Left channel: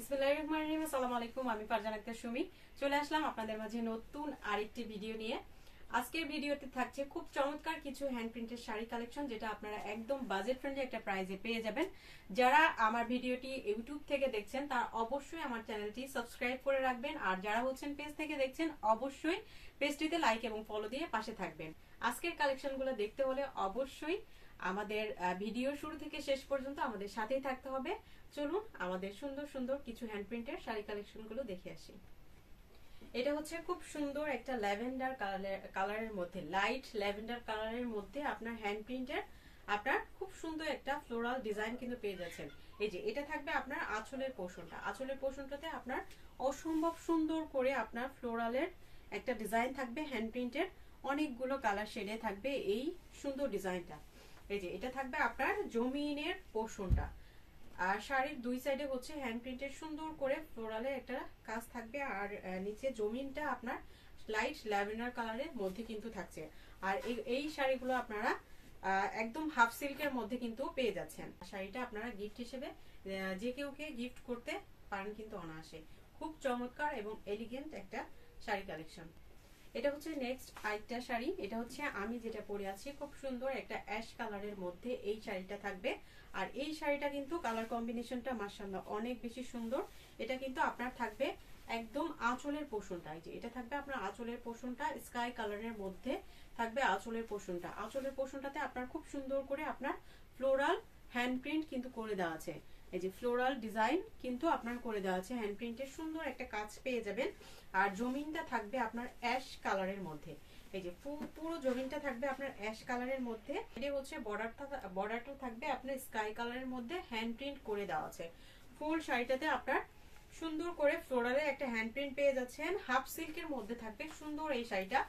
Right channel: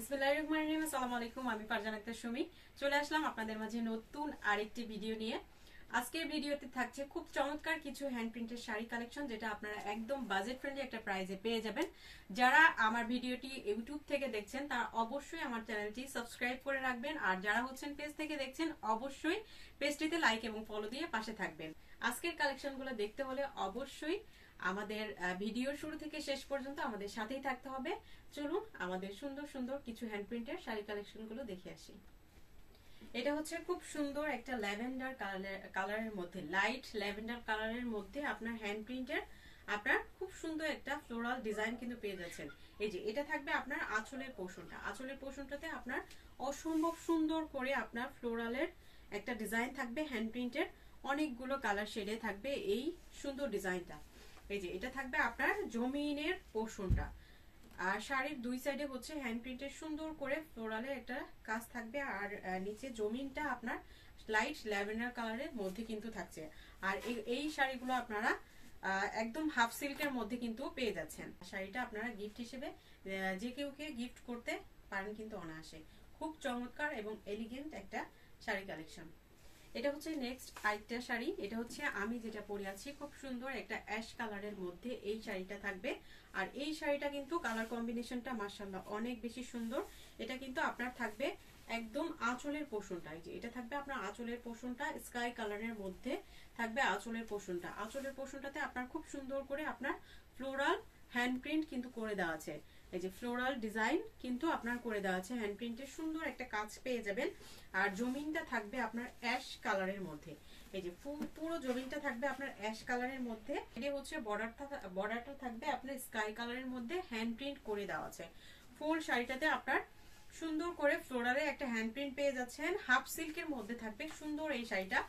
বিসমিল্লাহির রহমানির রহিম। আসসালামু আলাইকুম, আমি ফারজানা আক্তার সুমি চলে আসলাম আপনাদের মাঝে নতুন আরেকটি ভিডিও নিয়ে। আজকের ভিডিওতে থাকছে খুব চমৎকার কিছু হ্যান্ড প্রিন্টের শাড়ি কালেকশন, যেটা আপনারা একদম বাজেট ফ্রেন্ডলি একটা প্রাইসে পেয়ে যাবেন। যারা আমার ভিডিওটি ইউটিউব থেকে দেখছেন তারা অবশ্যই আমার চ্যানেলটি সাবস্ক্রাইব করে রাখবেন, আর যারা হচ্ছেন পেজ থেকে দেখছেন অবশ্যই পেজটিতে লাইক এবং ফলো দিয়ে পাশে থাকবেন। আজকের কালেকশনগুলো দেখতে হলে অবশ্যই আমাদের ভিডিও শুরু থেকে শেষ পর্যন্ত আমাদের সাথেই থাকতে হবে। চলুন আমাদের সুন্দর সুন্দর কিছু হ্যান্ড প্রিন্টের শাড়ি কালেকশন গুলো দেখে আসি। এটা হচ্ছে খুব সুন্দর একটা ল্যাভেন্ডার কালারের মধ্যে, লাইট ল্যাভেন্ডার কালারের মধ্যে আপনার হ্যান্ড প্রিন্টের আপনার খুব সুন্দর একটা ফ্লোরাল ডিজাইন কিন্তু পেয়ে যাচ্ছেন। এই যে এটা থাকবে আপনার আঁচলের পোর্শনটা, আঁচলের পোর্শনটাতে আপনার অসম্ভব সুন্দর করে আপনার ফ্লোরালের একটা ডিজাইন থাকবে। হ্যান্ড প্রিন্টের অনেকগুলো কালার শেডে থাকবে এই সুন্দর ডিজাইনটা। এই যে এটা থাকবে আপনার জমিনের পোর্শনটা, আর শাড়ির দুই সাইডে হচ্ছে হ্যান্ড প্রিন্টের সুন্দর করে ফ্লোরালের একটা কাজ থাকবে, আর নিচে জমিনটা আপনার লাইট ল্যাভেন্ডার কালারের মধ্যে কিন্তু থাকছে। আর এই শাড়িগুলো আপনারা একদম হাফ সিল্কের মধ্যে কিন্তু পেয়ে যাচ্ছেন। শাড়িটা আপনারা গিফট হিসেবে যে কেউকে গিফট করতে পারেন কিন্তু অনায়াসে। খুব চমৎকার এবং এলিগেন্ট একটা শাড়ি কালেকশন। এটা হচ্ছে নেক্সট আরেকটা শাড়ি। এটা হচ্ছে আমি যেটা পরে আছি, খুব সুন্দর একটা অ্যাশ কালারের মধ্যে এই শাড়িটা থাকবে। আর এই শাড়িটা কিন্তু কালার কম্বিনেশনটা মাশাআল্লাহ অনেক বেশি সুন্দর। এটা কিন্তু আপনার থাকবে একদম আঁচলের পোর্শনটা। এই যে এটা থাকবে আপনার আঁচলের পোর্শনটা স্কাই কালারের মধ্যে থাকবে আঁচলের পোর্শনটা। আঁচলের পোর্শনটাতে আপনার খুব সুন্দর করে আপনার ফ্লোরাল হ্যান্ড প্রিন্ট কিন্তু করে দেওয়া আছে। এই যে ফ্লোরাল ডিজাইন কিন্তু আপনার করে দেওয়া আছে, হ্যান্ড প্রিন্টের সুন্দর একটা কাজ পেয়ে যাবেন। আর জমিনটা থাকবে আপনার অ্যাশ কালারের মধ্যে। এই যে পুরো জমিনটা থাকবে আপনার অ্যাশ কালারের মধ্যে। এটা হচ্ছে বর্ডারটা থাকবে আপনার স্কাই কালারের মধ্যে হ্যান্ড প্রিন্ট করে দেওয়া আছে। ফুল শাড়িটাতে আপনার সুন্দর করে ফ্লোরালের একটা হ্যান্ড প্রিন্ট পেয়ে যাচ্ছেন। হাফ সিল্কের মধ্যে থাকবে সুন্দর এই শাড়িটা।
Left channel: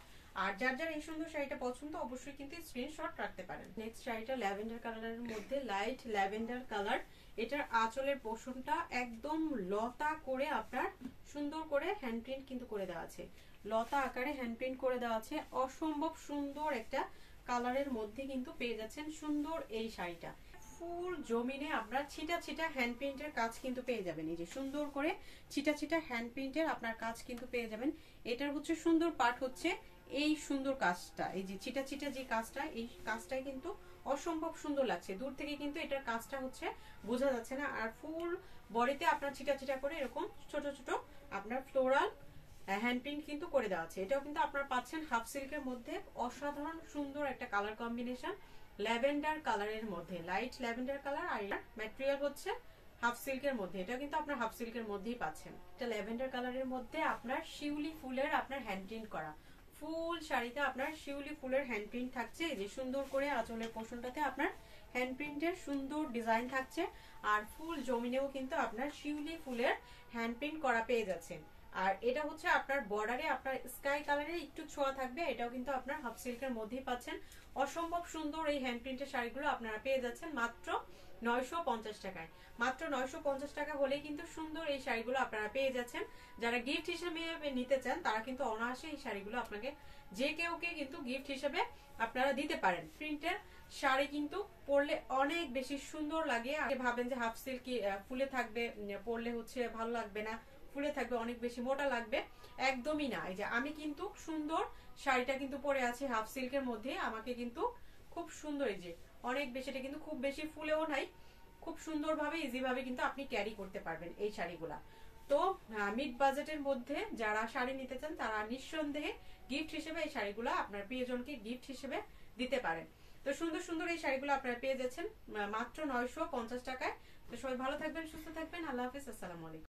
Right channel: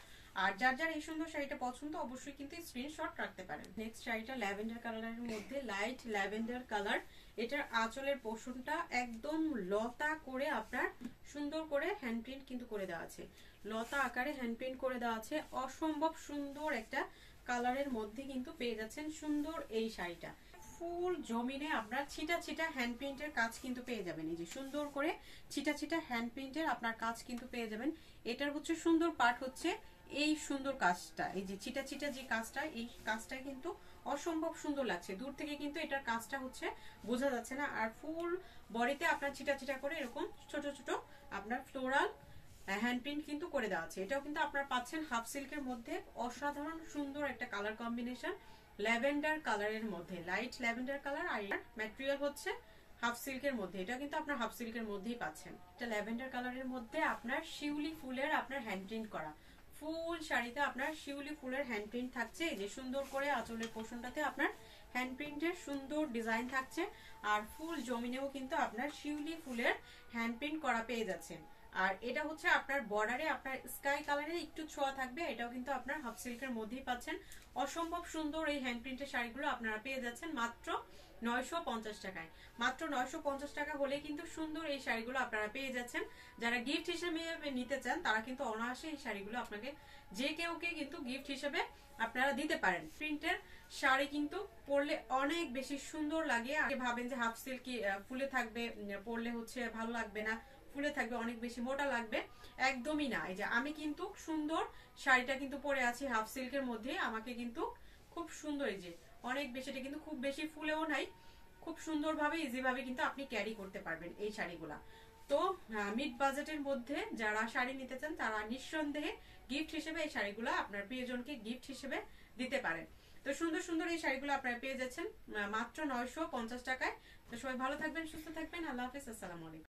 আর যার যার এই সুন্দর শাড়িটা পছন্দ অবশ্যই কিন্তু স্ক্রিনশট রাখতে পারেন। নেক্সট শাড়িটা ল্যাভেন্ডার কালারের মধ্যে, লাইট ল্যাভেন্ডার কালার। এটার আঁচলের পোর্শনটা একদম লতা করে আপনার সুন্দর করে হ্যান্ড প্রিন্ট কিন্তু করে দেওয়া আছে, লতা আকারে হ্যান্ড প্রিন্ট করে দেওয়া আছে। অসম্ভব সুন্দর একটা কালারের মধ্যে কিন্তু পেয়ে যাচ্ছেন সুন্দর এই শাড়িটা। ফুল জমিনে আপনার ছিটা ছিটা হ্যান্ড প্রিন্টের কাজ কিন্তু পেয়ে যাবেন। এই যে সুন্দর করে ছিটা ছিটা হ্যান্ড প্রিন্টের আপনার কাজ কিন্তু পেয়ে যাবেন। এটার হচ্ছে সুন্দর পার্ট হচ্ছে এই সুন্দর কাজটা, এই যে ছিটা ছিটা যে কাজটা, এই কাজটা কিন্তু অসম্ভব সুন্দর লাগছে। দূর থেকে কিন্তু এটার কাজটা হচ্ছে বোঝা যাচ্ছে না। আর ফুল বডিতে আপনার ছিটা ছিটা করে এরকম ছোট ছোট আপনার ফ্লোরাল হ্যান্ড প্রিন্ট কিন্তু করে দেওয়া আছে। এটাও কিন্তু আপনারা পাচ্ছেন হাফ সিল্কের মধ্যে। অসাধারণ সুন্দর একটা কালার কম্বিনেশন ল্যাভেন্ডার কালারের মধ্যে, লাইট ল্যাভেন্ডার কালার। আর ম্যাটেরিয়াল হচ্ছে হাফ সিল্কের মধ্যে, এটা কিন্তু আপনার হাফ সিল্কের মধ্যেই পাচ্ছেন। এটা ল্যাভেন্ডার কালারের মধ্যে আপনার শিউলি ফুলের আপনার হ্যান্ড প্রিন্ট করা। ফুল শাড়িতে আপনার শিউলি ফুলের হ্যান্ড প্রিন্ট থাকছে। এই যে সুন্দর করে আঁচলের পোর্শনটাতে আপনার হ্যান্ড প্রিন্টের সুন্দর ডিজাইন থাকছে। আর ফুল জমিনেও কিন্তু আপনার শিউলি ফুলের হ্যান্ড প্রিন্ট করা পেয়ে যাচ্ছেন। আর এটা হচ্ছে আপনার বর্ডারে আপনার স্কাই কালারে একটু ছোঁয়া থাকবে। এটাও কিন্তু আপনার হাফ সিল্কের মধ্যেই পাচ্ছেন। অসম্ভব সুন্দর এই হ্যান্ড প্রিন্টের শাড়িগুলো আপনারা পেয়ে যাচ্ছেন মাত্র 950 টাকায়। মাত্র 950 টাকা হলে কিন্তু সুন্দর এই শাড়িগুলো আপনারা পেয়ে যাচ্ছেন। যারা গিফট হিসেবে নিতে চান তারা কিন্তু অনায়াসে এই শাড়িগুলো আপনাকে যে কেউকে কিন্তু গিফট হিসেবে আপনারা দিতে পারেন। প্রিন্টের শাড়ি কিন্তু পরলে অনেক বেশি সুন্দর লাগে। আগে ভাবেন যে হাফ সিল্ক ফুলে থাকবে, পরলে হচ্ছে ভালো লাগবে না, ফুলে থাকবে অনেক বেশি মোটা লাগবে, একদমই না। এই যে আমি কিন্তু সুন্দর শাড়িটা কিন্তু পরে আছি হাফ সিল্কের মধ্যে। আমাকে কিন্তু খুব সুন্দর, এই যে অনেক বেশি, এটা কিন্তু খুব বেশি ফুলেও নাই, খুব সুন্দর ভাবে ইজি ভাবে কিন্তু আপনি ক্যারি করতে পারবেন এই শাড়িগুলা। তো মিড বাজেটের মধ্যে যারা শাড়ি নিতে চান তারা নিঃসন্দেহে গিফট হিসেবে এই শাড়িগুলা আপনার প্রিয়জনকে গিফট হিসেবে দিতে পারেন। তো সুন্দর সুন্দর এই শাড়িগুলো আপনারা পেয়ে যাচ্ছেন মাত্র 950 টাকায়। তো সবাই ভালো থাকবেন, সুস্থ থাকবেন। আল্লাহ হাফিজ, আসসালামু আলাইকুম।